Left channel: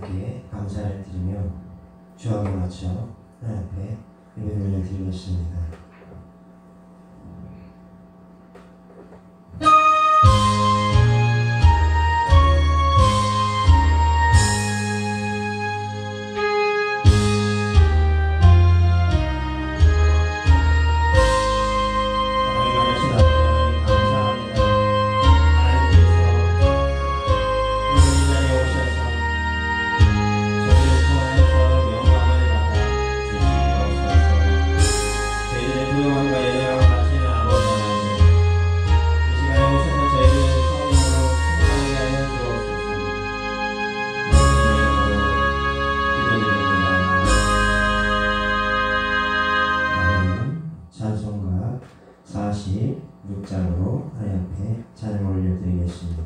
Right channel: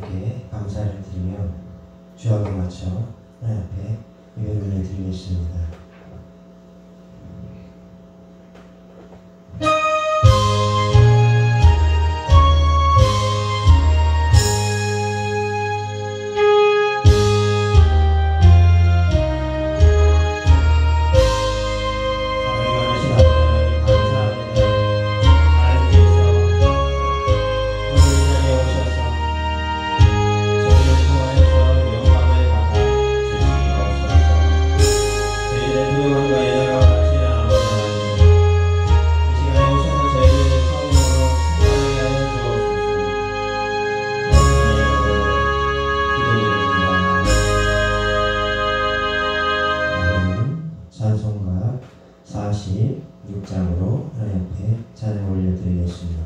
하나님께 감사를 드리며 주역에 맞춰 하나님 앞에 예배를 드리겠습니다. 찬송가 46장으로 하나님 앞에 찬양 올려드리겠습니다.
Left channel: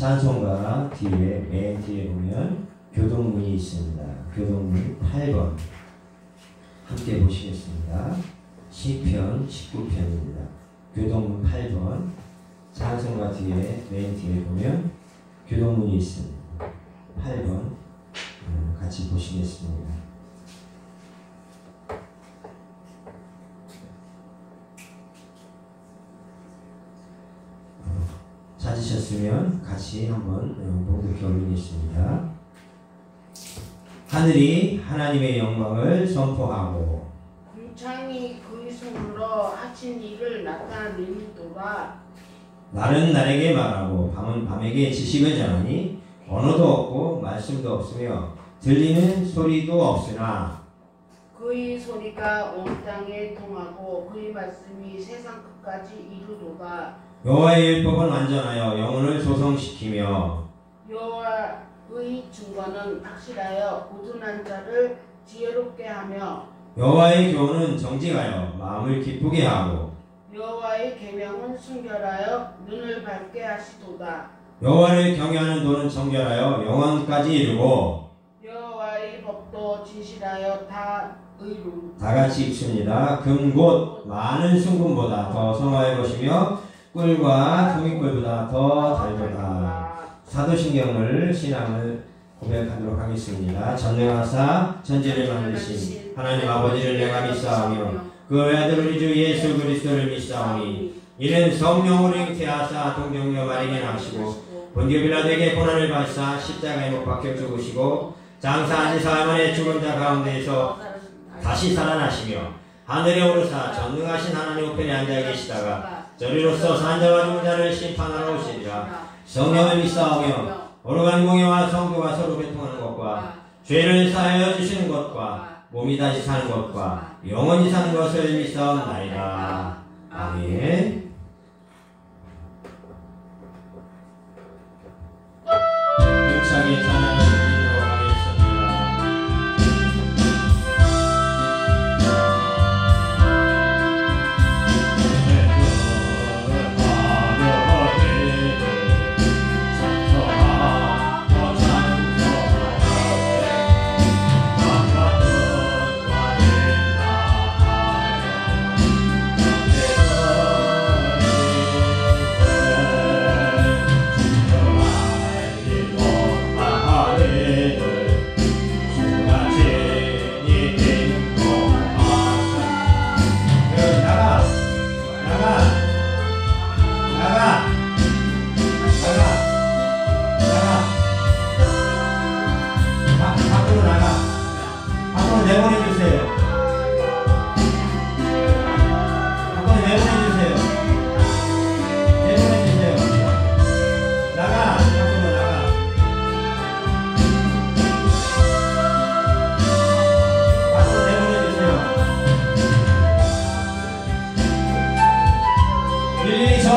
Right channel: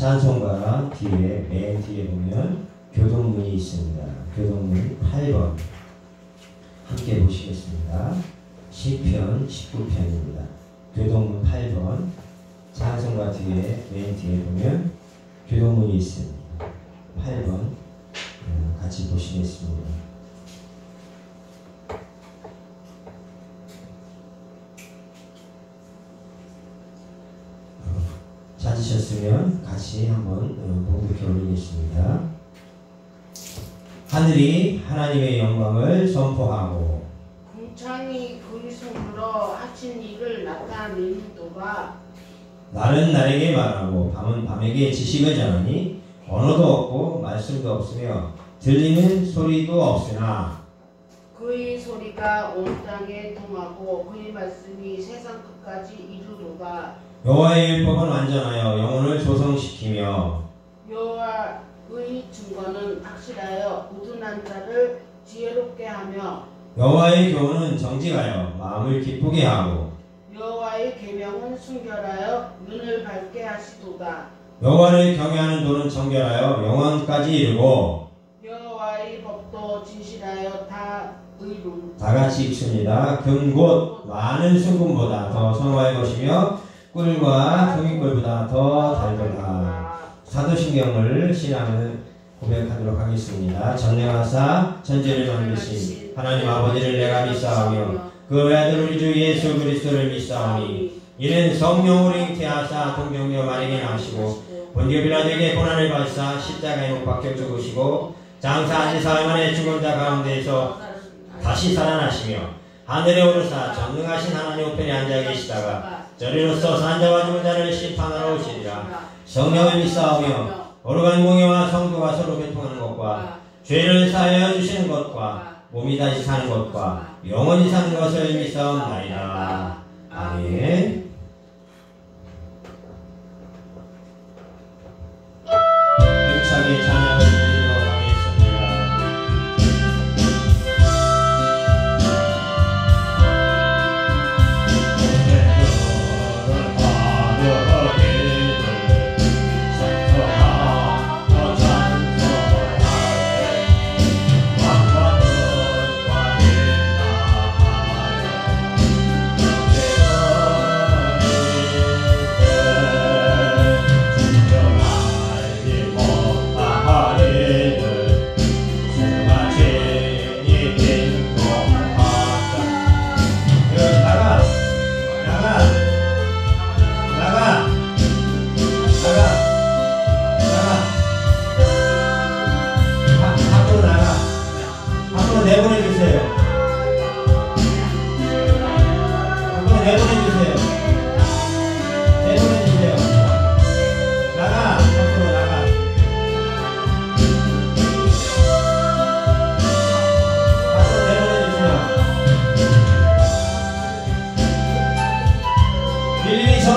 찬송가 뒤에 맨 뒤에 보면 교동문이 있습니다. 교동문 8번 함께 보시겠습니다. 시편 19편입니다. 교동문 8번 찬송가 뒤에 맨 뒤에 보면 교동문이 있습니다. 8번 같이 보시겠습니다. 찾으셨으면 같이 한번 봉독해 올리겠습니다. 하늘이 하나님의 영광을 선포하고 궁창이 그의 손으로 하신 일을 나타내리도다. 날은 날에게 말하고 밤은 밤에게 지식을 전하니 언어도 없고 말씀도 없으며 들리는 소리도 없으나 그의 소리가 온 땅에 통하고 그의 말씀이 세상 끝까지 이르도다. 여호와의 율법은 완전하여 영혼을 소성시키며 여호와의 증거는 확실하여 우둔한 자를 지혜롭게 하며 여호와의 교훈은 정직하여 마음을 기쁘게 하고 여호와의 계명은 순결하여 눈을 밝게 하시도다. 여호와를 경외하는 도는 정결하여 영원까지 이르고 여호와의 법도 진실하여 다 의로. 다 같이 읽습니다. 금 곧 많은 순금보다 더 선호할 것이며 꿀과 종이꿀보다 더 달도다. 사도신경을 신앙을 고백하도록 하겠습니다. 전능하사 천지를 만드신 하나님 아버지를 내가 믿사오며 그 외아들 우리 주 예수 그리스도를 믿사오니 이는 성령으로 잉태하사 동정녀 마리아에 나시고 본디오 빌라도에게 고난을 받으사 십자가에 못 박혀 죽으시고 장사한 사흘 만에 죽은 자 가운데에서 다시 살아나시며 하늘에 오르사 전능하신 하나님 우편에 앉아 계시다가 저리로서 산자와 죽은 자를 심판하러 오시리라. 성령을 믿사오며 오르간 공예와 성도가 서로 교통하는 것과 죄를 사하여 주시는 것과 몸이 다시 사는 것과 영원히 사는 것을 믿사옵나이다. 아멘. 힘차게 찬양을 드리도록 하겠습니다.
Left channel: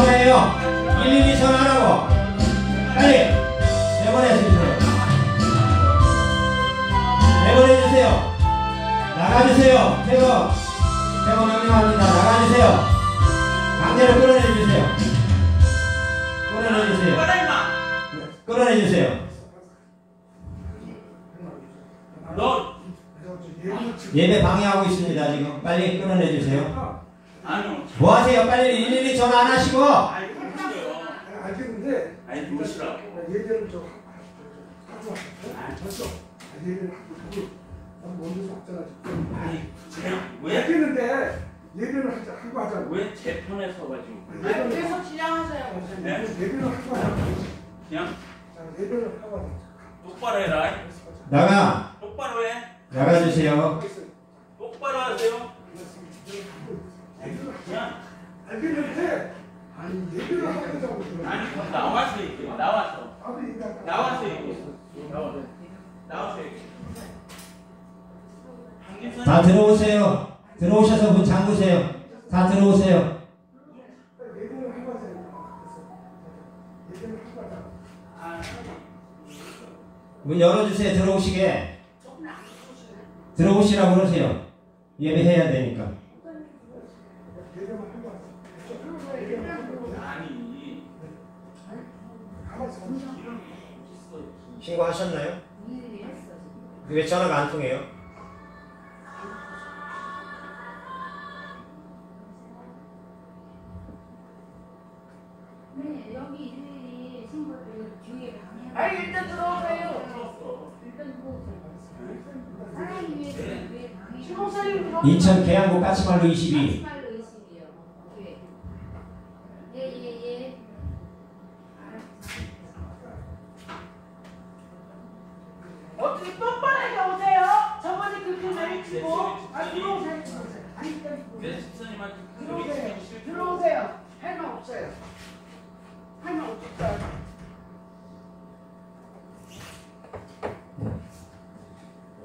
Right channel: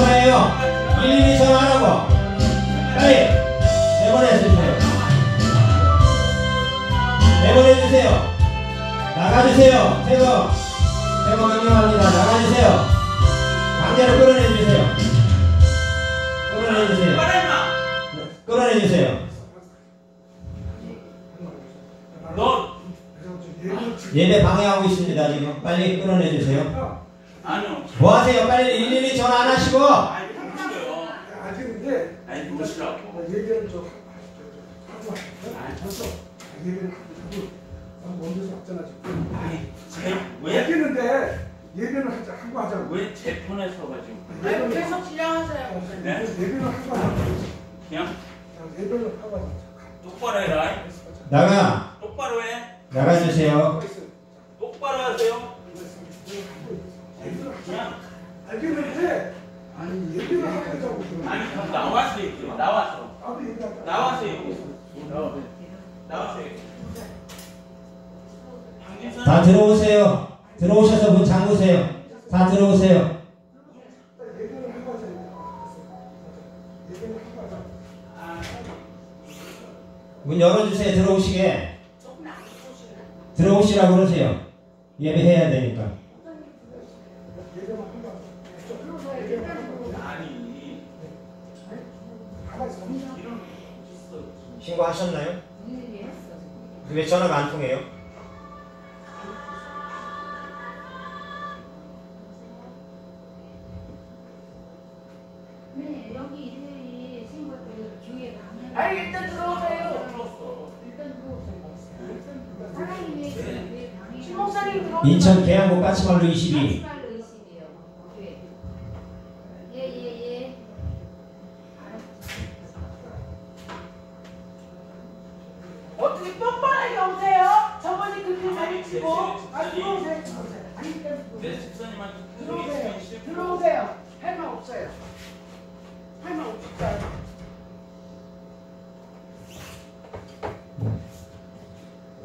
일일이 전화하라고 빨리 내보내주세요. 내보내주세요. 나가주세요. 퇴거 명령합니다. 나가주세요. 강제로 끌어내주세요. 끌어내주세요. 끌어내주세요. 너 예배 방해하고 있습니다. 지금 빨리 끌어내주세요. 아니요. 뭐 하세요? 빨리 일일이 전화 안 하시고. 아이 보시죠. 알겠는데 아이 보시라고. 얘기를 좀 하고 왔어. 얘기를 하고 먼저 왔잖아 지금. 아이 왜 알겠는데 얘기를 하고 하자고. 왜 제 편에 서가지고? 아니, 계속 진행하세요. 네? 얘기를 하고 하자고. 그냥 얘기를 하고 하자고. 똑바로 해라. 나가. 똑바로 해. 나가주세요. 똑바로 하세요. 그냥 알겠는데 아니 얘기를 하고 하자고. 아니 그럼 나와서 얘기해. 나와서. 나와서 얘기해. 나와서 얘기해. 다 들어오세요. 들어오셔서 문 잠그세요. 다 들어오세요. 얘기를 하고 하자고. 얘기를 하고 하자고. 문 열어주세요. 들어오시게. 들어오시라고 그러세요. 예배해야 되니까. 아니. 신고하셨나요? 왜 전화가 안 통해요? 네, 여기 일일이 신고를 교회 방해. 아니, 일단 들어오세요. 일단 들어오세요. 하나님의 교회 방해. 신 목사님 들어오세요. 인천 계양구 까치말로 22. 까치말로 20이요. 교회. 예. 어떻게 뻔뻔하게 오세요? 저번에 그렇게 가르치고. 아, 들어오세요. 아니, 일단 내 집사님한테 들어오세요. 들어오세요. 할 말 없어요. 할 말 없어요.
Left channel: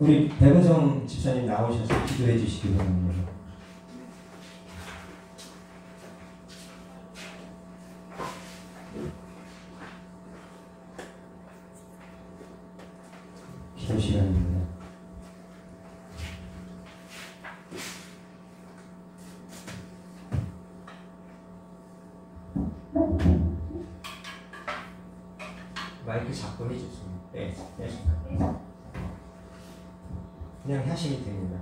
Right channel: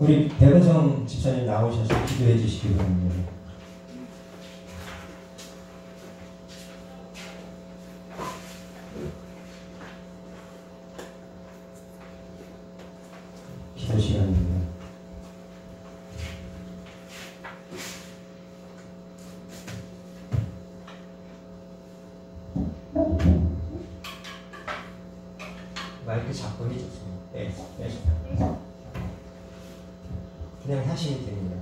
우리 백은성 집사님 나오셔서 기도해 주시기 바랍니다. 기도 시간입니다. 마이크 잡고 해줬습니다. 네. 그냥 하시면 됩니다.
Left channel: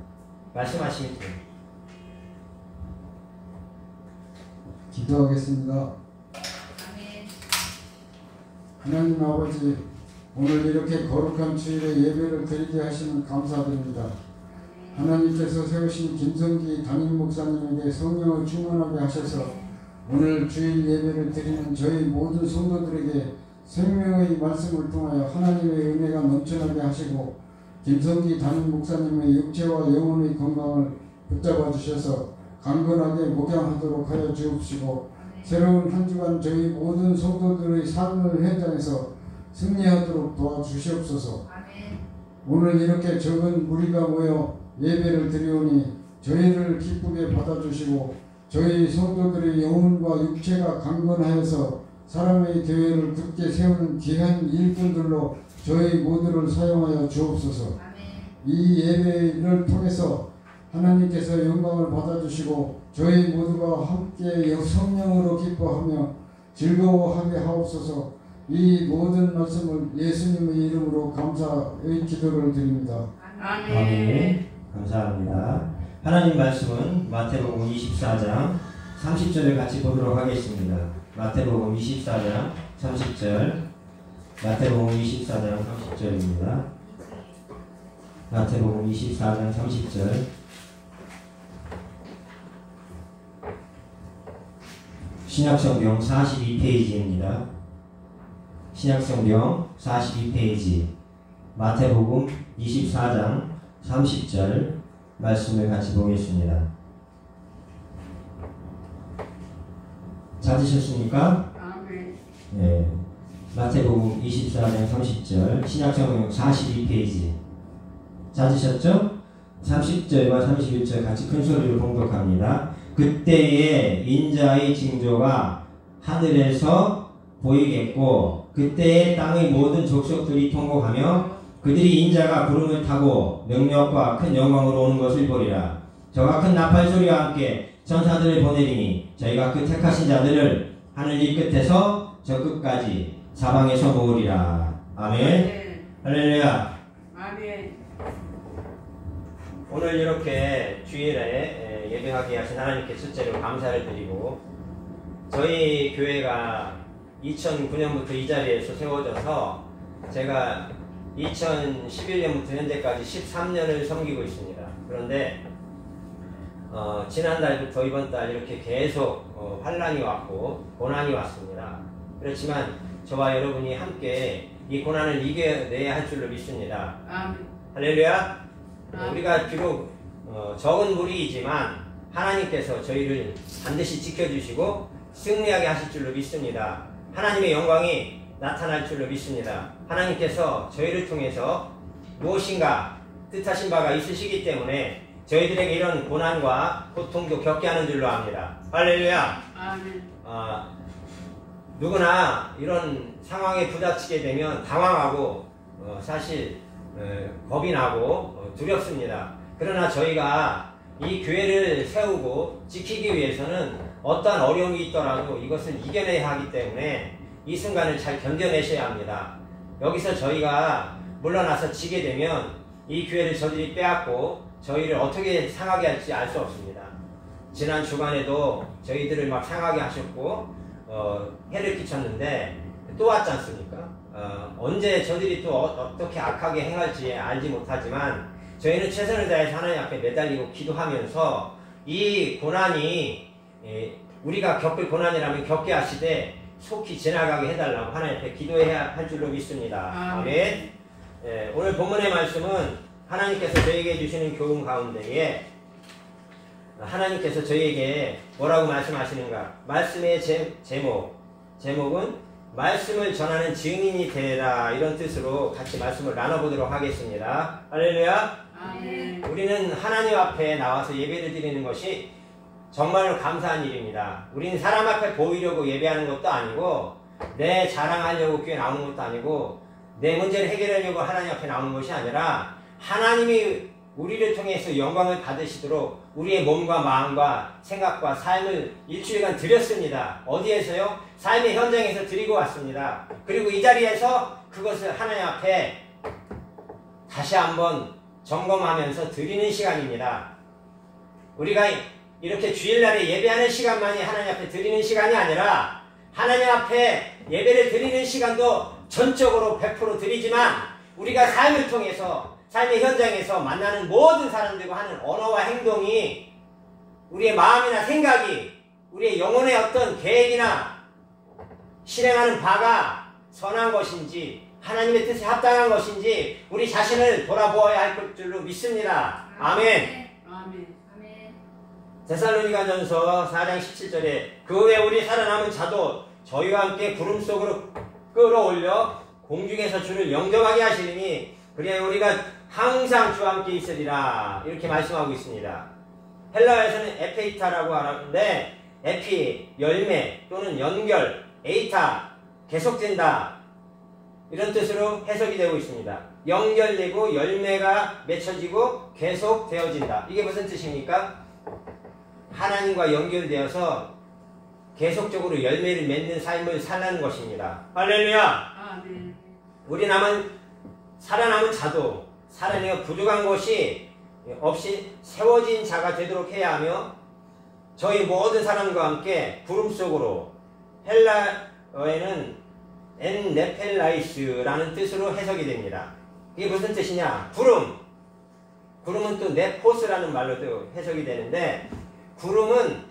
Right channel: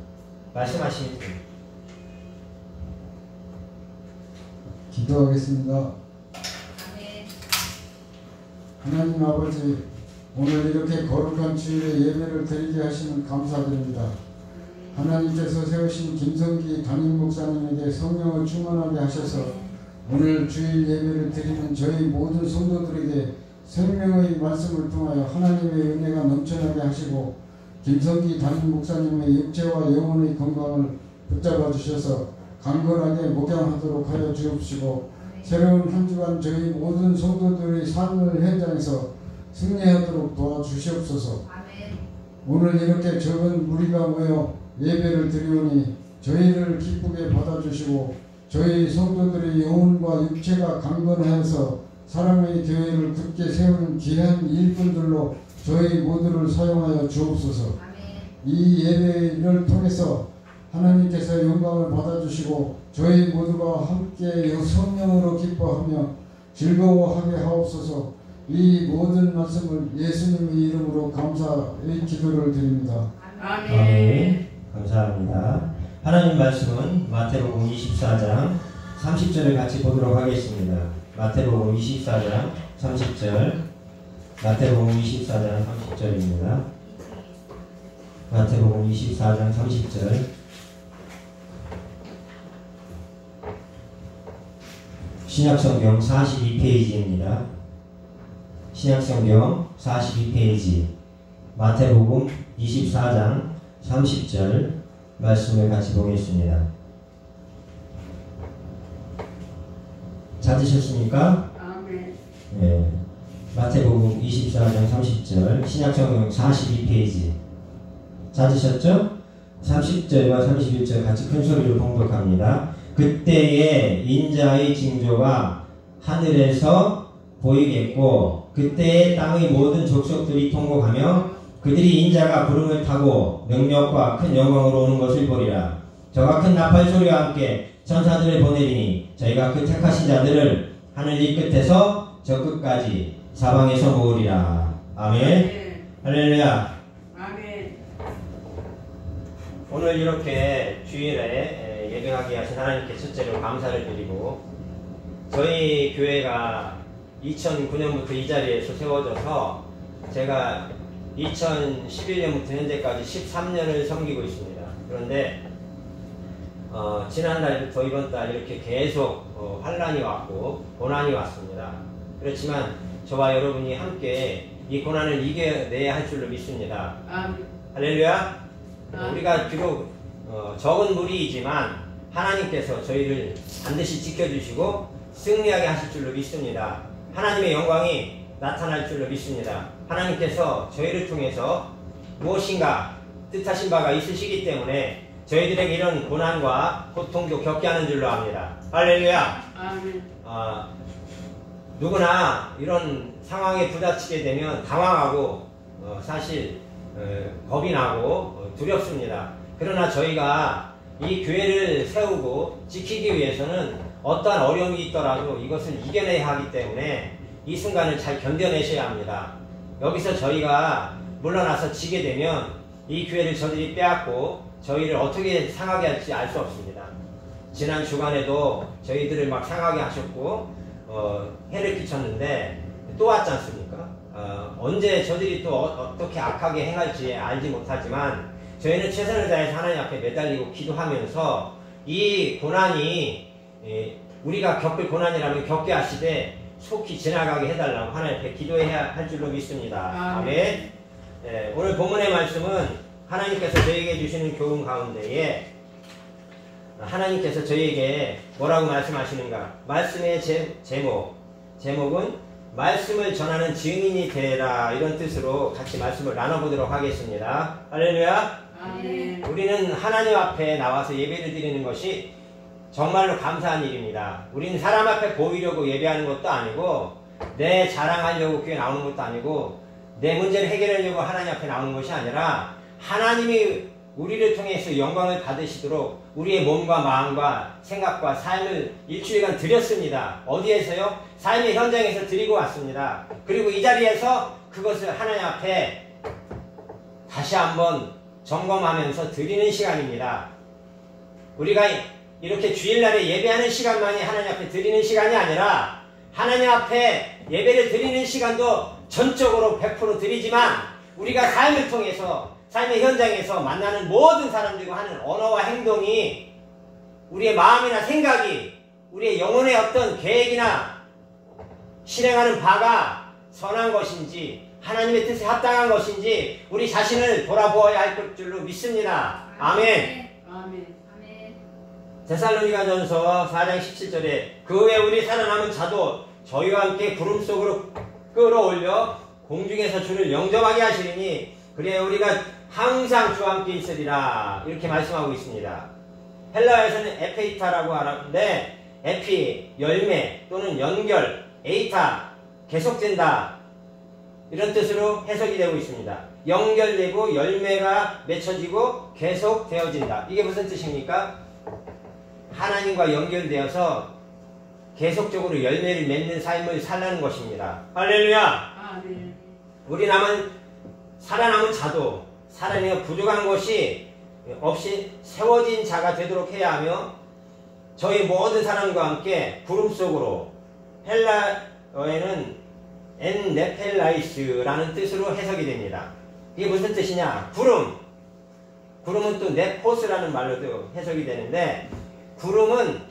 말씀하시면 됩니다. 기도하겠습니다. 아멘. 하나님 아버지, 오늘 이렇게 거룩한 주일에 예배를 드리게 하시면 감사드립니다. 하나님께서 세우신 김성기 담임 목사님에게 성령을 충만하게 하셔서 오늘 주일 예배를 드리는 저희 모든 성도들에게 생명의 말씀을 통하여 하나님의 은혜가 넘쳐나게 하시고 김성기 담임 목사님의 육체와 영혼의 건강을 붙잡아 주셔서 강건하게 목양하도록 하여 주옵시고 새로운 한 주간 저희 모든 성도들의 삶을 현장에서 승리하도록 도와주시옵소서. 아멘. 오늘 이렇게 적은 무리가 모여 예배를 드리오니 저희를 기쁘게 받아주시고 저희 성도들의 영혼과 육체가 강건하여서 사람의 교회를 굳게 세우는 귀한 일꾼들로 저희 모두를 사용하여 주옵소서. 아멘. 이 예배를 통해서 하나님께서 영광을 받아주시고 저희 모두가 함께 성령으로 기뻐하며 즐거워하게 하옵소서. 이 모든 말씀을 예수님의 이름으로 감사의 기도를 드립니다. 아멘. 감사합니다. 하나님 말씀은 마태복음 24장 30절을 같이 보도록 하겠습니다. 마태복음 24장 30절. 마태복음 24장 30절입니다. 마태복음 24장 30절. 신약성경 42페이지입니다. 신약성경 42페이지 마태복음 24장 30절 말씀을 같이 보겠습니다. 찾으셨습니까? 아멘. 네. 마태복음 24장 30절 신약성경 42페이지 찾으셨죠? 30절과 31절 같이 큰 소리로 봉독합니다. 그때에 인자의 징조가 하늘에서 보이겠고 그때에 땅의 모든 족속들이 통곡하며 그들이 인자가 구름을 타고 능력과 큰 영광으로 오는 것을 보리라. 저가 큰 나팔 소리와 함께 천사들을 보내리니 저희가 그 택하신 자들을 하늘 이 끝에서 저 끝까지 사방에서 모으리라. 아멘. 할렐루야. 아멘. 오늘 이렇게 주일에 예배하게 하신 하나님께 첫째로 감사를 드리고 저희 교회가 2009년부터 이 자리에서 세워져서 제가 2011년부터 현재까지 13년을 섬기고 있습니다. 그런데 지난달부터 이번 달 이렇게 계속 환란이 왔고 고난이 왔습니다. 그렇지만 저와 여러분이 함께 이 고난을 이겨내야 할 줄로 믿습니다. 아멘. 할렐루야. 아멘. 우리가 비록 적은 무리이지만 하나님께서 저희를 반드시 지켜주시고 승리하게 하실 줄로 믿습니다. 하나님의 영광이 나타날 줄로 믿습니다. 하나님께서 저희를 통해서 무엇인가 뜻하신 바가 있으시기 때문에 저희들에게 이런 고난과 고통도 겪게 하는 줄로 압니다. 할렐루야. 아멘. 누구나 이런 상황에 부닥치게 되면 당황하고 사실 겁이 나고 두렵습니다. 그러나 저희가 이 교회를 세우고 지키기 위해서는 어떠한 어려움이 있더라도 이것을 이겨내야 하기 때문에 이 순간을 잘 견뎌내셔야 합니다. 여기서 저희가 물러나서 지게 되면 이 교회를 저들이 빼앗고 저희를 어떻게 상하게 할지 알 수 없습니다. 지난 주간에도 저희들을 막 상하게 하셨고 해를 끼쳤는데 또 왔지 않습니까? 언제 저들이 또 어떻게 악하게 행할지 알지 못하지만 저희는 최선을 다해서 하나님 앞에 매달리고 기도하면서 이 고난이 우리가 겪을 고난이라면 겪게 하시되 속히 지나가게 해달라고 하나님 앞에 기도해야 할 줄로 믿습니다. 아멘. 네, 오늘 본문의 말씀은 하나님께서 저에게 주시는 교훈 가운데에 하나님께서 저에게 뭐라고 말씀하시는가? 말씀의 제목은 말씀을 전하는 증인이 되라 이런 뜻으로 같이 말씀을 나눠보도록 하겠습니다. 할렐루야. 아멘. 우리는 하나님 앞에 나와서 예배를 드리는 것이 정말로 감사한 일입니다. 우리는 사람 앞에 보이려고 예배하는 것도 아니고 내 자랑하려고 교회 나오는 것도 아니고 내 문제를 해결하려고 하나님 앞에 나오는 것이 아니라 하나님이 우리를 통해서 영광을 받으시도록 우리의 몸과 마음과 생각과 삶을 일주일간 드렸습니다. 어디에서요? 삶의 현장에서 드리고 왔습니다. 그리고 이 자리에서 그것을 하나님 앞에 다시 한번 점검하면서 드리는 시간입니다. 우리가 이렇게 주일날에 예배하는 시간만이 하나님 앞에 드리는 시간이 아니라 하나님 앞에 예배를 드리는 시간도 전적으로 100% 드리지만 우리가 삶을 통해서 삶의 현장에서 만나는 모든 사람들과 하는 언어와 행동이 우리의 마음이나 생각이 우리의 영혼의 어떤 계획이나 실행하는 바가 선한 것인지 하나님의 뜻에 합당한 것인지 우리 자신을 돌아보아야 할 줄로 믿습니다. 아멘. 아멘. 아멘. 데살로니가전서 4장 17절에 그 후에 우리 살아남은 자도 저희와 함께 구름 속으로 끌어올려 공중에서 주를 영접하게 하시리니 그래 우리가 항상 주와 함께 있으리라 이렇게 말씀하고 있습니다. 헬라어에서는 에페이타라고 하는데 에피, 열매 또는 연결, 에이타, 계속된다 이런 뜻으로 해석이 되고 있습니다. 연결되고 열매가 맺혀지고 계속되어진다. 이게 무슨 뜻입니까? 하나님과 연결되어서 계속적으로 열매를 맺는 삶을 살라는 것입니다. 할렐루야. 아멘. 우리 살아남은 자도 살아내가 부족한 것이 없이 세워진 자가 되도록 해야 하며 저희 모든 사람과 함께 구름 속으로 헬라어에는 엔네펠라이스라는 뜻으로 해석이 됩니다. 이게 무슨 뜻이냐? 구름은 또 네포스라는 말로도 해석이 되는데 구름은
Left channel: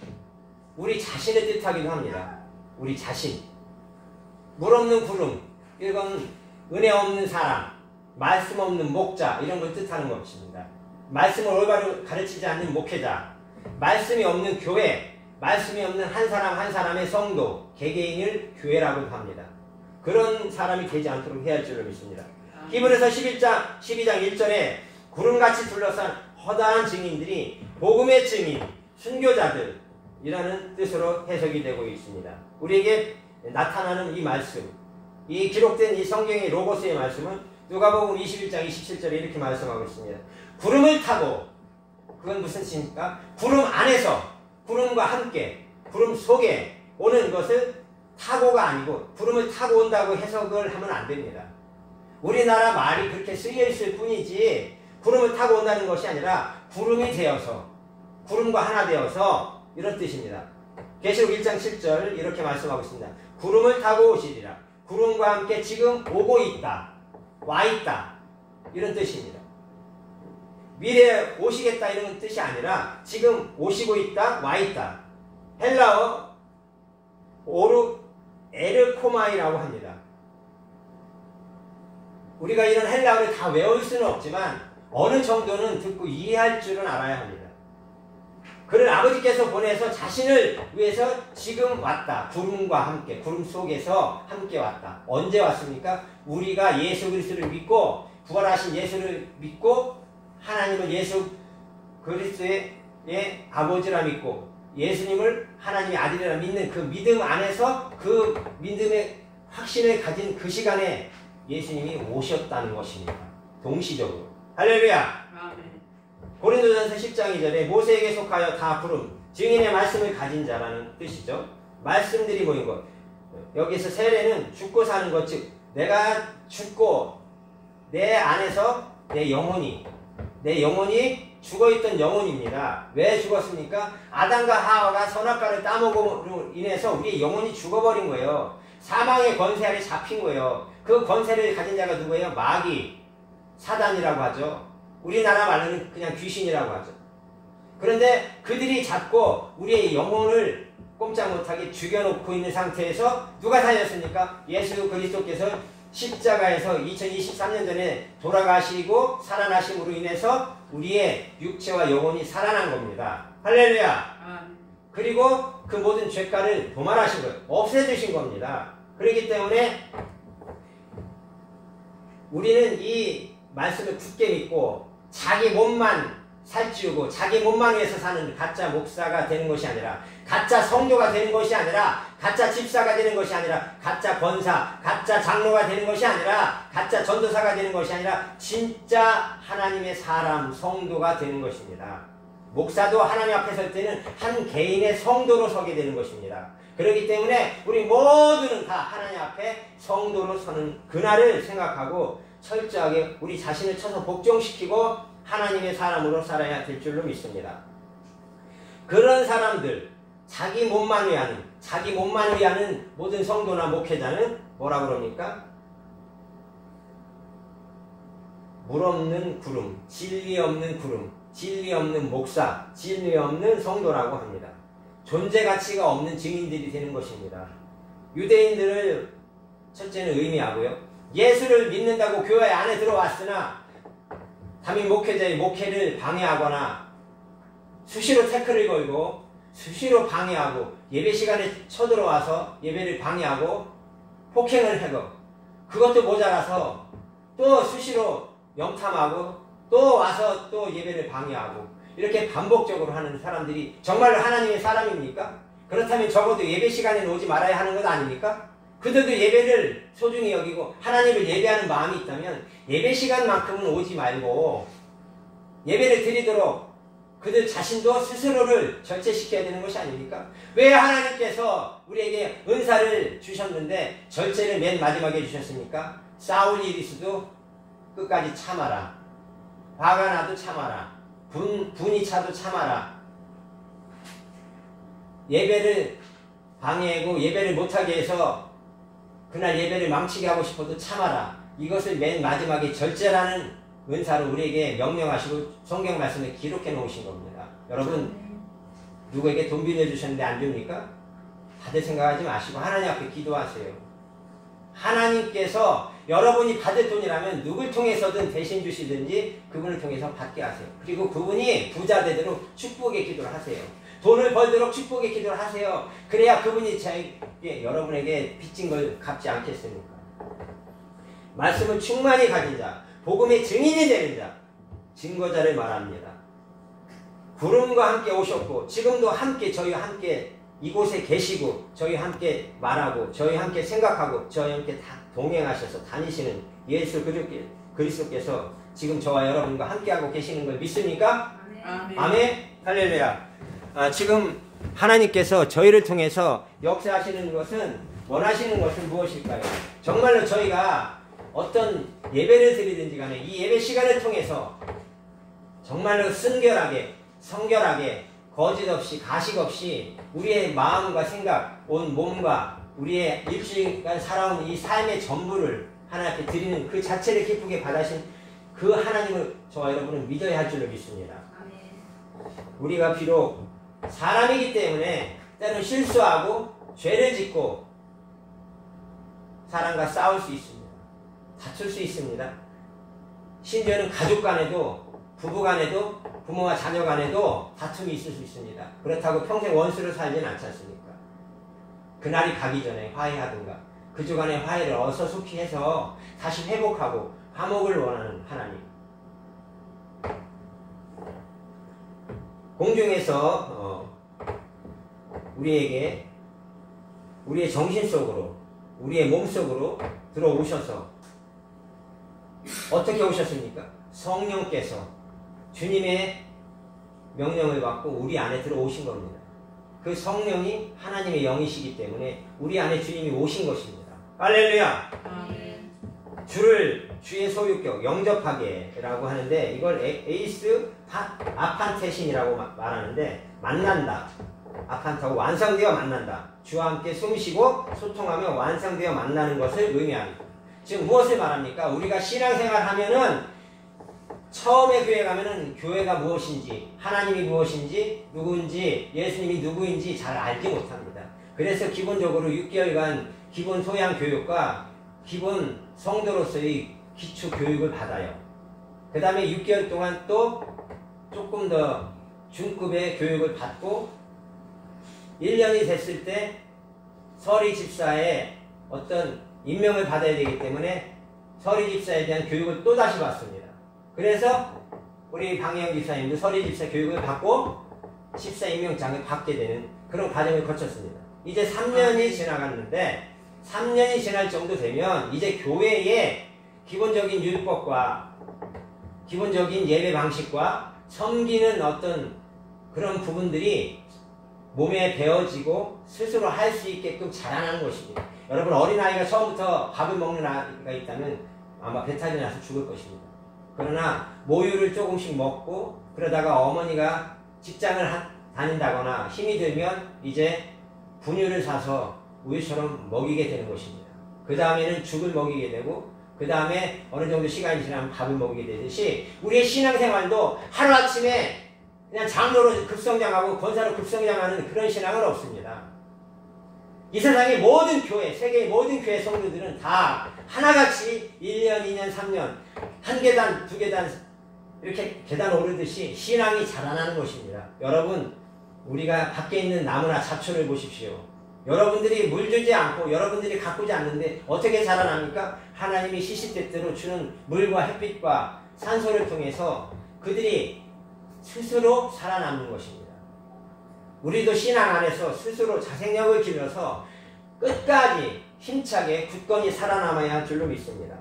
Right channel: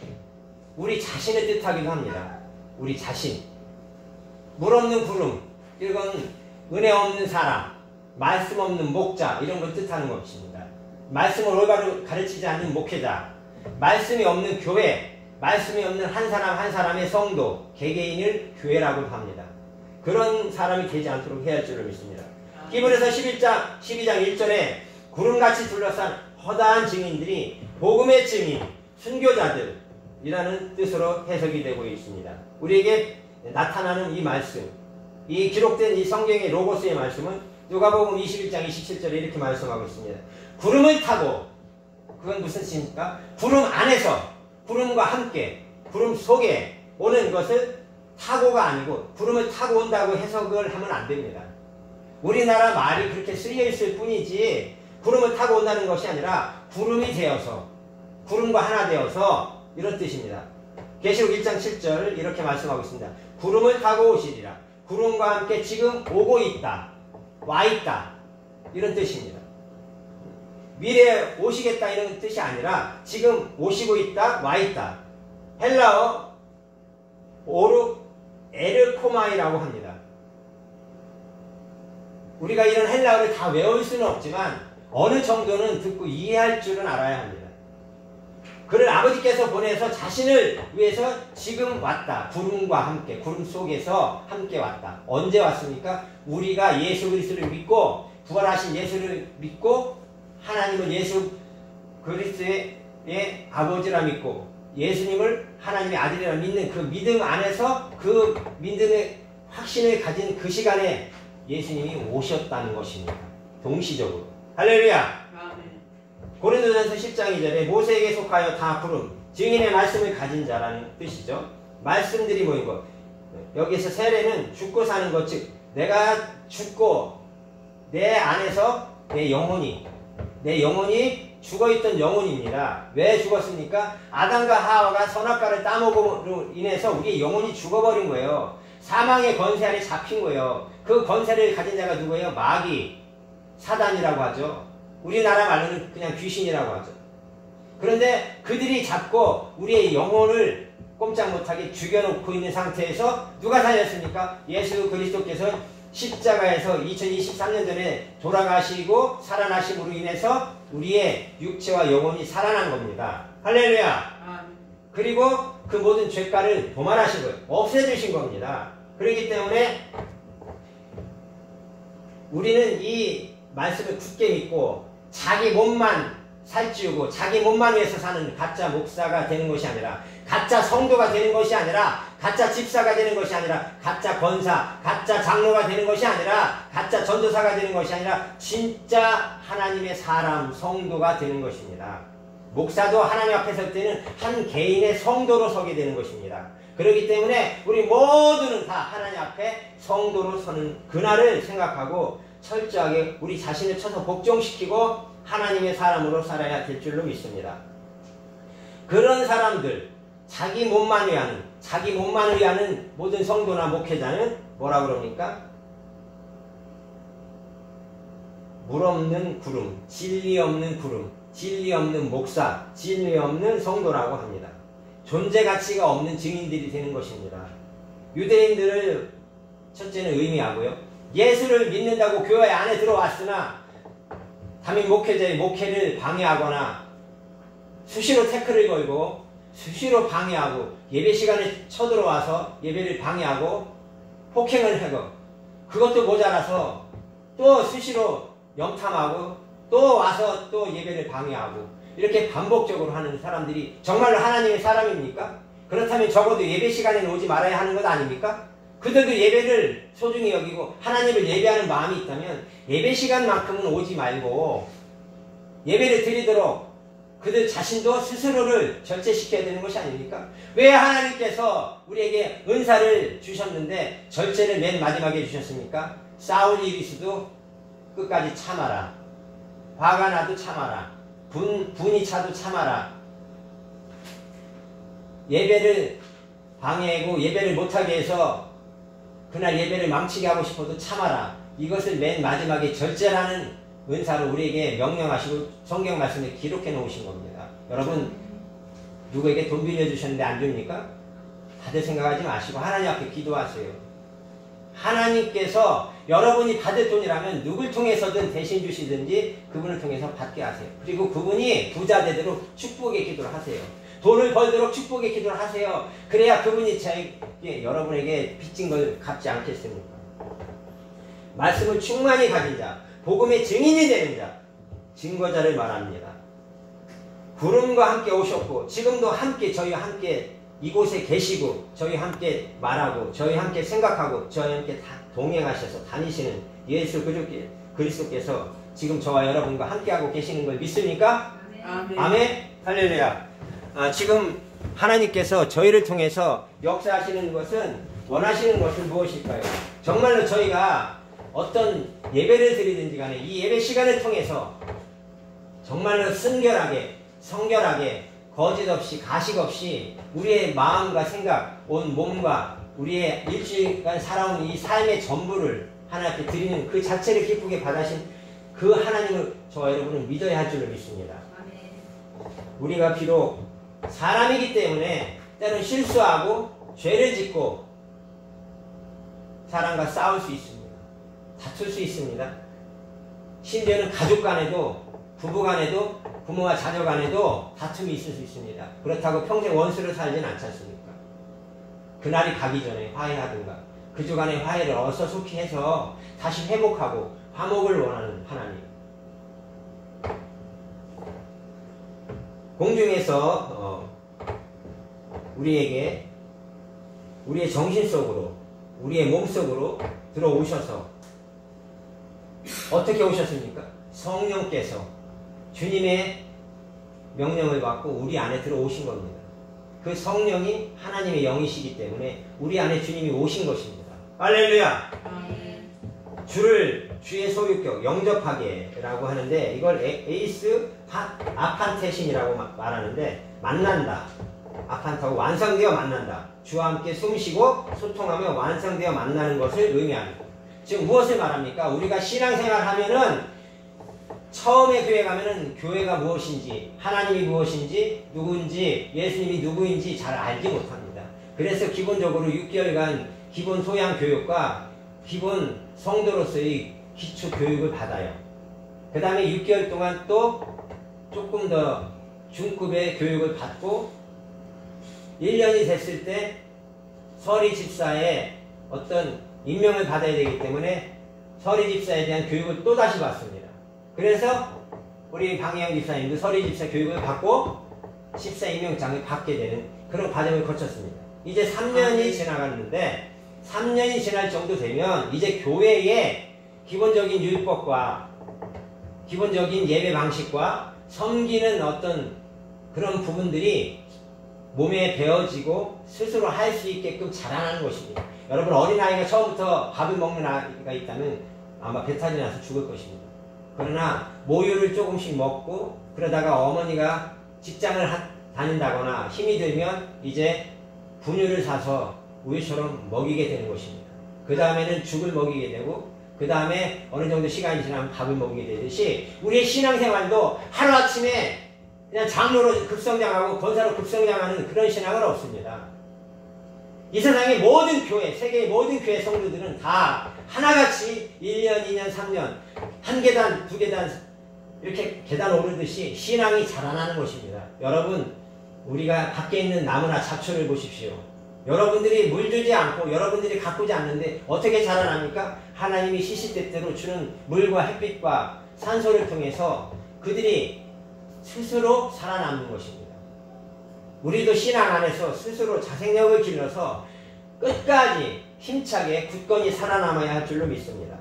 우리 자신을 뜻하기도 합니다. 우리 자신. 물 없는 구름. 이건 은혜 없는 사람, 말씀 없는 목자 이런 걸 뜻하는 것입니다. 말씀을 올바로 가르치지 않는 목회자, 말씀이 없는 교회, 말씀이 없는 한 사람 한 사람의 성도, 개개인을 교회라고 합니다. 그런 사람이 되지 않도록 해야 할 줄을 믿습니다. 히브리서 12장 1절에 구름같이 둘러싼 허다한 증인들이 복음의 증인, 순교자들이라는 뜻으로 해석이 되고 있습니다. 우리에게 나타나는 이 말씀, 이 기록된 이 성경의 로고스의 말씀은 누가복음 21장 27절에 이렇게 말씀하고 있습니다. 구름을 타고, 그건 무슨 뜻입니까? 구름 안에서, 구름과 함께, 구름 속에 오는 것을 타고가 아니고 구름을 타고 온다고 해석을 하면 안 됩니다. 우리나라 말이 그렇게 쓰여 있을 뿐이지 구름을 타고 온다는 것이 아니라 구름이 되어서, 구름과 하나 되어서 이런 뜻입니다. 계시록 1장 7절 이렇게 말씀하고 있습니다. 구름을 타고 오시리라. 구름과 함께 지금 오고 있다, 와 있다 이런 뜻입니다. 미래에 오시겠다 이런 뜻이 아니라 지금 오시고 있다, 와 있다. 헬라어 에르코마이라고 합니다. 우리가 이런 헬라어를 다 외울 수는 없지만 어느 정도는 듣고 이해할 줄은 알아야 합니다. 그를 아버지께서 보내서 자신을 위해서 지금 왔다. 구름과 함께, 구름 속에서 함께 왔다. 언제 왔습니까? 우리가 예수 그리스도를 믿고 부활하신 예수를 믿고 하나님은 예수 그리스도의 아버지라 믿고 예수님을 하나님의 아들이라 믿는 그 믿음 안에서 그 믿음의 확신을 가진 그 시간에 예수님이 오셨다는 것입니다. 동시적으로. 할렐루야. 고린도전서 10장 2절에 모세에게 속하여 다 부름, 증인의 말씀을 가진 자라는 뜻이죠. 말씀들이 모인 것. 여기서 세례는 죽고 사는 것, 즉 내가 죽고 내 안에서 내 영혼이 죽어있던 영혼입니다. 왜 죽었습니까? 아담과 하와가 선악과를 따먹음으로 인해서 우리의 영혼이 죽어버린 거예요. 사망의 권세 아래 잡힌 거예요. 그 권세를 가진 자가 누구예요? 마귀, 사단이라고 하죠. 우리나라 말로는 그냥 귀신이라고 하죠. 그런데 그들이 잡고 우리의 영혼을 꼼짝 못하게 죽여놓고 있는 상태에서 누가 살렸습니까? 예수 그리스도께서 십자가에서 2023년 전에 돌아가시고 살아나심으로 인해서 우리의 육체와 영혼이 살아난 겁니다. 할렐루야. 그리고 그 모든 죄가를 도말하신 거예요. 없애주신 겁니다. 그렇기 때문에 우리는 이 말씀을 굳게 믿고 자기 몸만 살찌우고 자기 몸만 위해서 사는 가짜 목사가 되는 것이 아니라, 가짜 성도가 되는 것이 아니라, 가짜 집사가 되는 것이 아니라, 가짜 권사, 가짜 장로가 되는 것이 아니라, 가짜 전도사가 되는 것이 아니라 진짜 하나님의 사람, 성도가 되는 것입니다. 목사도 하나님 앞에 설 때는 한 개인의 성도로 서게 되는 것입니다. 그렇기 때문에 우리 모두는 다 하나님 앞에 성도로 서는 그날을 생각하고 철저하게 우리 자신을 쳐서 복종시키고 하나님의 사람으로 살아야 될 줄로 믿습니다. 그런 사람들, 자기 몸만 위하는 모든 성도나 목회자는 뭐라 그럽니까? 물 없는 구름, 진리 없는 구름, 진리 없는 목사, 진리 없는 성도라고 합니다. 존재 가치가 없는 증인들이 되는 것입니다. 유대인들을 첫째는 의미하고요. 예수를 믿는다고 교회 안에 들어왔으나 담임 목회자의 목회를 방해하거나 수시로 태클을 걸고 수시로 방해하고 예배 시간에 쳐들어와서 예배를 방해하고 폭행을 하고, 그것도 모자라서 또 수시로 염탐하고 또 와서 또 예배를 방해하고, 이렇게 반복적으로 하는 사람들이 정말로 하나님의 사람입니까? 그렇다면 적어도 예배 시간에는 오지 말아야 하는 것 아닙니까? 그들도 예배를 소중히 여기고 하나님을 예배하는 마음이 있다면 예배 시간만큼은 오지 말고 예배를 드리도록 그들 자신도 스스로를 절제시켜야 되는 것이 아닙니까? 왜 하나님께서 우리에게 은사를 주셨는데 절제를 맨 마지막에 주셨습니까? 싸울 일이 있어도 끝까지 참아라. 화가 나도 참아라. 분이 차도 참아라. 예배를 방해하고 예배를 못하게 해서 그날 예배를 망치게 하고 싶어도 참아라. 이것을 맨 마지막에 절제라는 은사를 우리에게 명령하시고 성경 말씀에 기록해 놓으신 겁니다. 여러분, 누구에게 돈 빌려주셨는데 안 줍니까? 다들 생각하지 마시고 하나님 앞에 기도하세요. 하나님께서 여러분이 받을 돈이라면 누굴 통해서든 대신 주시든지 그분을 통해서 받게 하세요. 그리고 그분이 부자 되도록 축복의 기도를 하세요. 돈을 벌도록 축복의 기도를 하세요. 그래야 그분이 여러분에게 빚진 걸 갚지 않겠습니까? 말씀을 충만히 가진 자, 복음의 증인이 되는 자, 증거자를 말합니다. 구름과 함께 오셨고 지금도 함께 저희와 함께 이곳에 계시고 저희와 함께 말하고 저희와 함께 생각하고 저희와 함께 다 동행하셔서 다니시는 예수 그리스도께서 지금 저와 여러분과 함께하고 계시는 걸 믿습니까? 아멘. 아멘. 할렐루야. 지금 하나님께서 저희를 통해서 역사하시는 것은, 원하시는 것은 무엇일까요? 정말로 저희가 어떤 예배를 드리든지 간에 이 예배 시간을 통해서 정말로 순결하게, 성결하게, 거짓 없이, 가식 없이 우리의 마음과 생각, 온 몸과 우리의 일주일간 살아온 이 삶의 전부를 하나님께 드리는 그 자체를 기쁘게 받으신 그 하나님을 저와 여러분은 믿어야 할 줄로 믿습니다. 우리가 비록 사람이기 때문에 때로는 실수하고 죄를 짓고 사람과 싸울 수 있습니다. 다툴 수 있습니다. 심지어는 가족 간에도, 부부 간에도, 부모와 자녀 간에도 다툼이 있을 수 있습니다. 그렇다고 평생 원수로 살지는 않지 않습니까? 그날이 가기 전에 화해하든가 그주 간의 화해를 어서속히 해서 다시 회복하고 화목을 원하는 하나님. 공중에서 우리에게 우리의 정신 속으로, 우리의 몸 속으로 들어오셔서 어떻게 오셨습니까? 성령께서 주님의 명령을 받고 우리 안에 들어오신 겁니다. 그 성령이 하나님의 영이시기 때문에 우리 안에 주님이 오신 것입니다. 할렐루야! 주의 소유격, 영접하게라고 하는데 이걸 에이스 아판테신이라고 말하는데, 만난다. 아판타고 완성되어 만난다. 주와 함께 숨쉬고 소통하며 완성되어 만나는 것을 의미합니다. 지금 무엇을 말합니까? 우리가 신앙생활 하면은 처음에 교회 가면은 교회가 무엇인지, 하나님이 무엇인지, 누구인지, 예수님이 누구인지 잘 알지 못합니다. 그래서 기본적으로 6개월간 기본 소양 교육과 기본 성도로서의 기초 교육을 받아요. 그 다음에 6개월 동안 또 조금 더 중급의 교육을 받고 1년이 됐을 때 서리 집사의 어떤 임명을 받아야 되기 때문에 서리 집사에 대한 교육을 또다시 받습니다. 그래서 우리 방혜영 집사님도 서리 집사 교육을 받고 집사 임명장을 받게 되는 그런 과정을 거쳤습니다. 이제 3년이 지나갔는데 3년이 지날 정도 되면 이제 교회의 기본적인 율법과 기본적인 예배 방식과 섬기는 어떤 그런 부분들이 몸에 배어지고 스스로 할 수 있게끔 자라나는 것입니다. 여러분 어린아이가 처음부터 밥을 먹는 아이가 있다면 아마 배탈이 나서 죽을 것입니다. 그러나 모유를 조금씩 먹고 그러다가 어머니가 직장을 다닌다거나 힘이 들면 이제 분유를 사서 우유처럼 먹이게 되는 것입니다. 그 다음에는 죽을 먹이게 되고 그 다음에 어느 정도 시간이 지나면 밥을 먹이게 되듯이 우리의 신앙생활도 하루아침에 그냥 장로로 급성장하고 권사로 급성장하는 그런 신앙은 없습니다. 이 세상의 모든 교회, 세계의 모든 교회 성도들은 다 하나같이 1년, 2년, 3년 한 계단, 두 계단 이렇게 계단 오르듯이 신앙이 자라나는 것입니다. 여러분 우리가 밖에 있는 나무나 잡초를 보십시오. 여러분들이 물 주지 않고 여러분들이 가꾸지 않는데 어떻게 자라납니까? 하나님이 시시때때로 주는 물과 햇빛과 산소를 통해서 그들이 스스로 살아남는 것입니다. 우리도 신앙 안에서 스스로 자생력을 길러서 끝까지 힘차게 굳건히 살아남아야 할 줄로 믿습니다.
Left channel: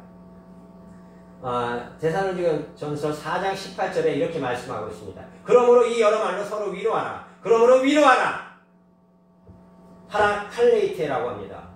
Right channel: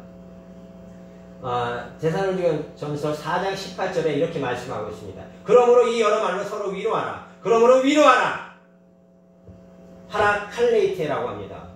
데살로니가전서 4장 18절에 이렇게 말씀하고 있습니다. 그러므로 이 여러 말로 서로 위로하라. 그러므로 위로하라. 파라칼레이테라고 합니다.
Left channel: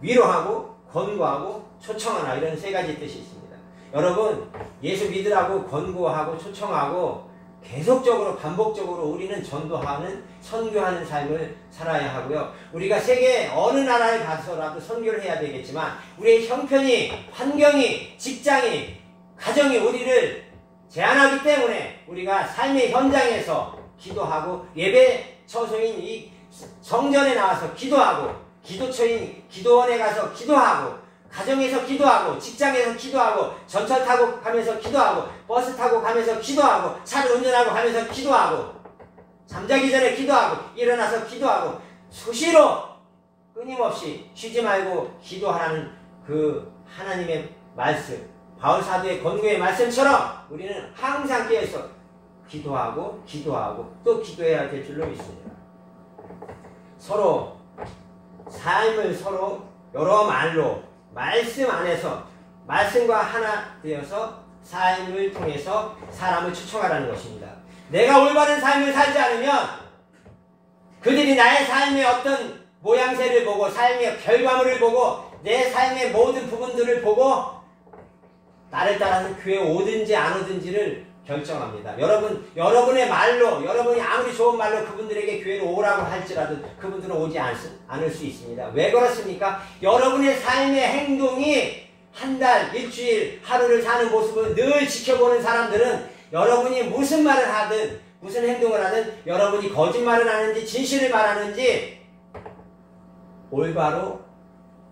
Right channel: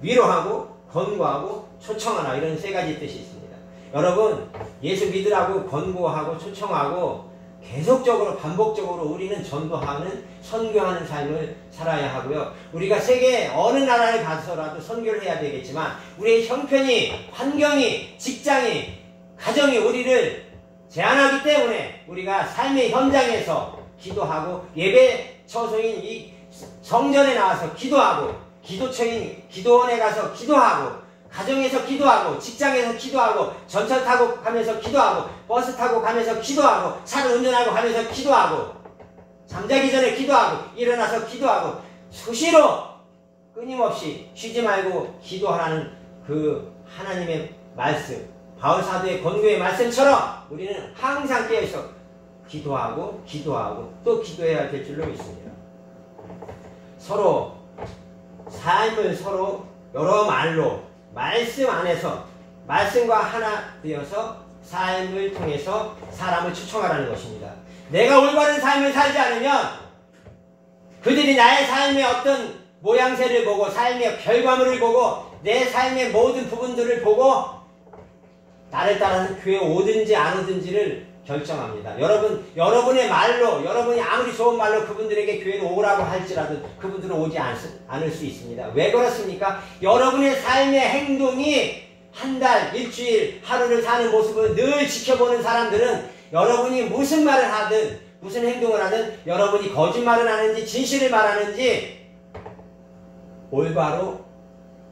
위로하고 권고하고 초청하라 이런 세 가지 뜻이 있습니다. 여러분 예수 믿으라고 권고하고 초청하고 계속적으로 반복적으로 우리는 전도하는 선교하는 삶을 살아야 하고요. 우리가 세계 어느 나라에 가서라도 선교를 해야 되겠지만 우리의 형편이 환경이 직장이 가정이 우리를 제한하기 때문에 우리가 삶의 현장에서 기도하고 예배 처소인 이 성전에 나와서 기도하고 기도처인 기도원에 가서 기도하고 가정에서 기도하고 직장에서 기도하고 전철 타고 가면서 기도하고 버스 타고 가면서 기도하고 차를 운전하고 가면서 기도하고 잠자기 전에 기도하고 일어나서 기도하고 수시로 끊임없이 쉬지 말고 기도하는 그 하나님의 말씀 바울 사도의 권고의 말씀처럼 우리는 항상 깨어있어 기도하고 또 기도해야 될 줄로 믿습니다. 서로 삶을 서로 여러 말로 말씀 안에서 말씀과 하나 되어서 삶을 통해서 사람을 초청하라는 것입니다. 내가 올바른 삶을 살지 않으면 그들이 나의 삶의 어떤 모양새를 보고 삶의 결과물을 보고 내 삶의 모든 부분들을 보고 나를 따라서 교회에 오든지 안 오든지를 결정합니다. 여러분의 말로 여러분이 아무리 좋은 말로 그분들에게 교회로 오라고 할지라도 그분들은 오지 않을 수 있습니다. 왜 그렇습니까? 여러분의 삶의 행동이 한 달, 일주일, 하루를 사는 모습을 늘 지켜보는 사람들은 여러분이 무슨 말을 하든 무슨 행동을 하든 여러분이 거짓말을 하는지 진실을 말하는지 올바로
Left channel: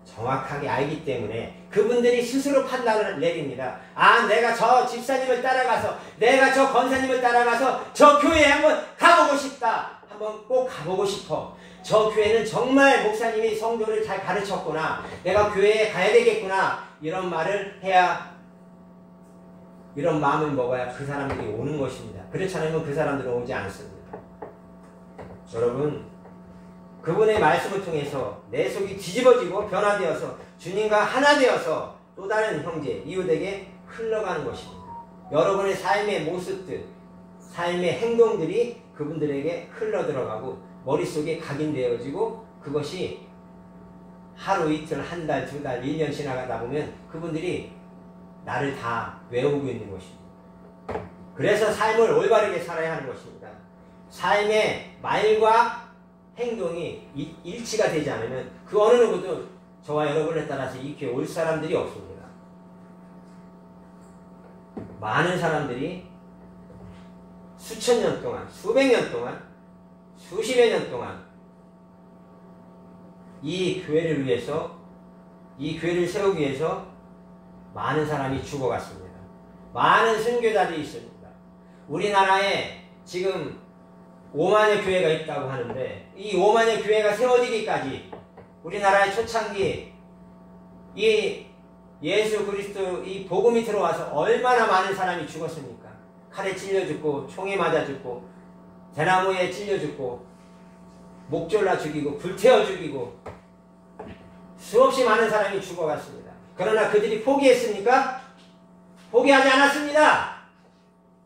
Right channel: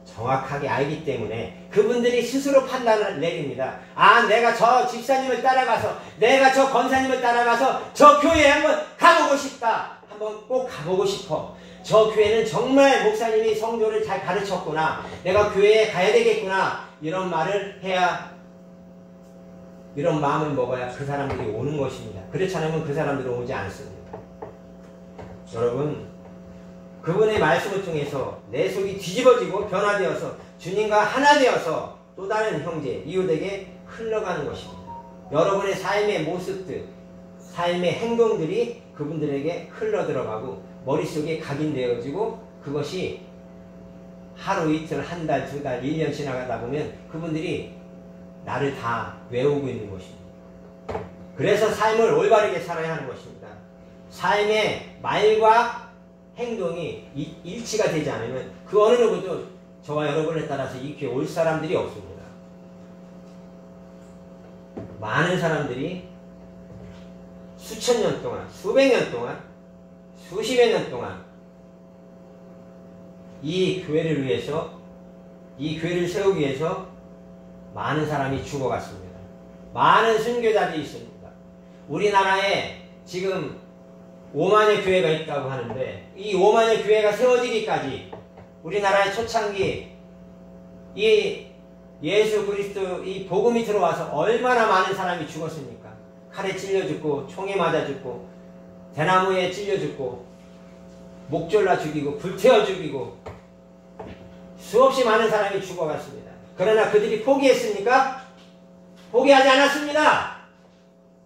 정확하게 알기 때문에 그분들이 스스로 판단을 내립니다. 아, 내가 저 집사님을 따라가서 내가 저 권사님을 따라가서 저 교회에 한번 가보고 싶다. 한번 꼭 가보고 싶어. 저 교회는 정말 목사님이 성도를 잘 가르쳤구나. 내가 교회에 가야 되겠구나. 이런 말을 해야 이런 마음을 먹어야 그 사람들이 오는 것입니다. 그렇지 않으면 그 사람들은 오지 않습니다. 여러분 그분의 말씀을 통해서 내 속이 뒤집어지고 변화되어서 주님과 하나 되어서 또 다른 형제, 이웃에게 흘러가는 것입니다. 여러분의 삶의 모습들, 삶의 행동들이 그분들에게 흘러들어가고 머릿속에 각인되어지고 그것이 하루 이틀, 한 달, 두 달, 1년 지나가다 보면 그분들이 나를 다 외우고 있는 것입니다. 그래서 삶을 올바르게 살아야 하는 것입니다. 삶의 말과 행동이 일치가 되지 않으면 그 어느 누구도 저와 여러분에 따라서 이 교회에 올 사람들이 없습니다. 많은 사람들이 수천 년 동안, 수백 년 동안, 수십여 년 동안 이 교회를 위해서, 이 교회를 세우기 위해서 많은 사람이 죽어갔습니다. 많은 선교자들이 있습니다. 우리나라에 지금 5만여 교회가 있다고 하는데 이 5만여 교회가 세워지기까지 우리나라의 초창기 이 예수 그리스도 이 복음이 들어와서 얼마나 많은 사람이 죽었습니까? 칼에 찔려 죽고 총에 맞아 죽고 대나무에 찔려 죽고 목 졸라 죽이고 불태워 죽이고 수없이 많은 사람이 죽어갔습니다. 그러나 그들이 포기했습니까? 포기하지 않았습니다.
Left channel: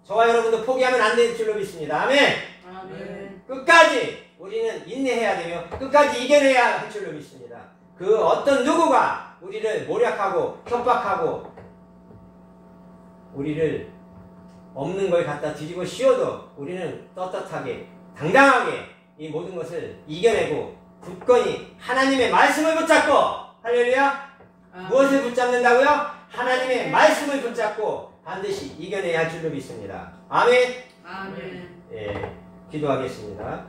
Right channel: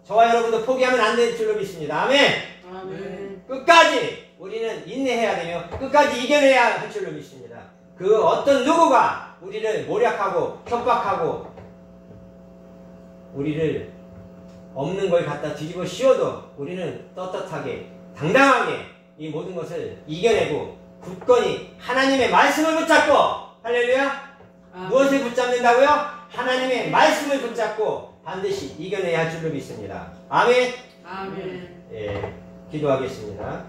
저와 여러분도 포기하면 안 될 줄로 믿습니다. 아멘. 아멘. 끝까지 우리는 인내해야 되며 끝까지 이겨내야 할 줄로 믿습니다. 그 어떤 누구가 우리를 모략하고 협박하고 우리를 없는 걸 갖다 뒤집어 씌워도 우리는 떳떳하게 당당하게 이 모든 것을 이겨내고 굳건히 하나님의 말씀을 붙잡고 할렐루야. 무엇을 붙잡는다고요? 하나님의 말씀을 붙잡고 반드시 이겨내야 할 줄로 믿습니다. 아멘. 아멘. 예, 기도하겠습니다.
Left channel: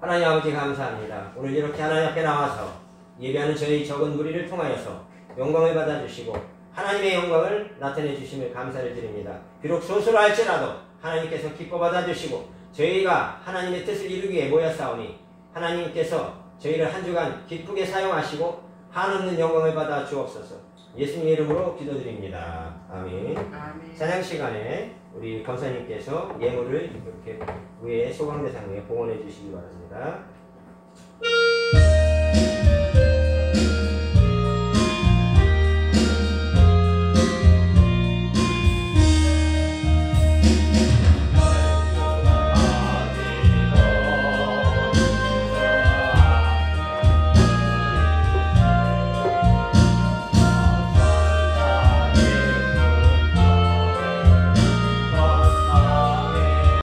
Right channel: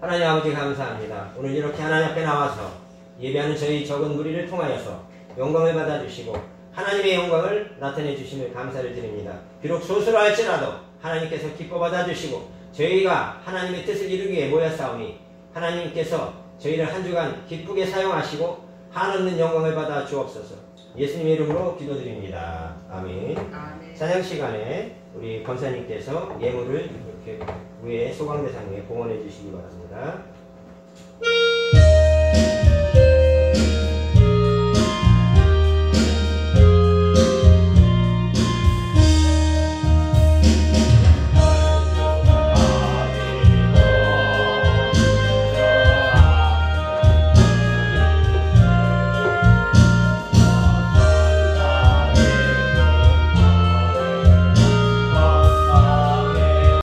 하나님 아버지 감사합니다. 오늘 이렇게 하나님 앞에 나와서 예배하는 저희 적은 무리를 통하여서 영광을 받아주시고 하나님의 영광을 나타내 주심을 감사를 드립니다. 비록 소수로 할지라도 하나님께서 기뻐 받아주시고 저희가 하나님의 뜻을 이루기 위해 모였사오니 하나님께서 저희를 한 주간 기쁘게 사용하시고 한없는 영광을 받아 주옵소서. 예수님의 이름으로 기도드립니다. 아멘. 아멘. 찬양 시간에 우리 권사님께서 예물을 이렇게 위에 소강대상에 봉헌해 주시기 바랍니다.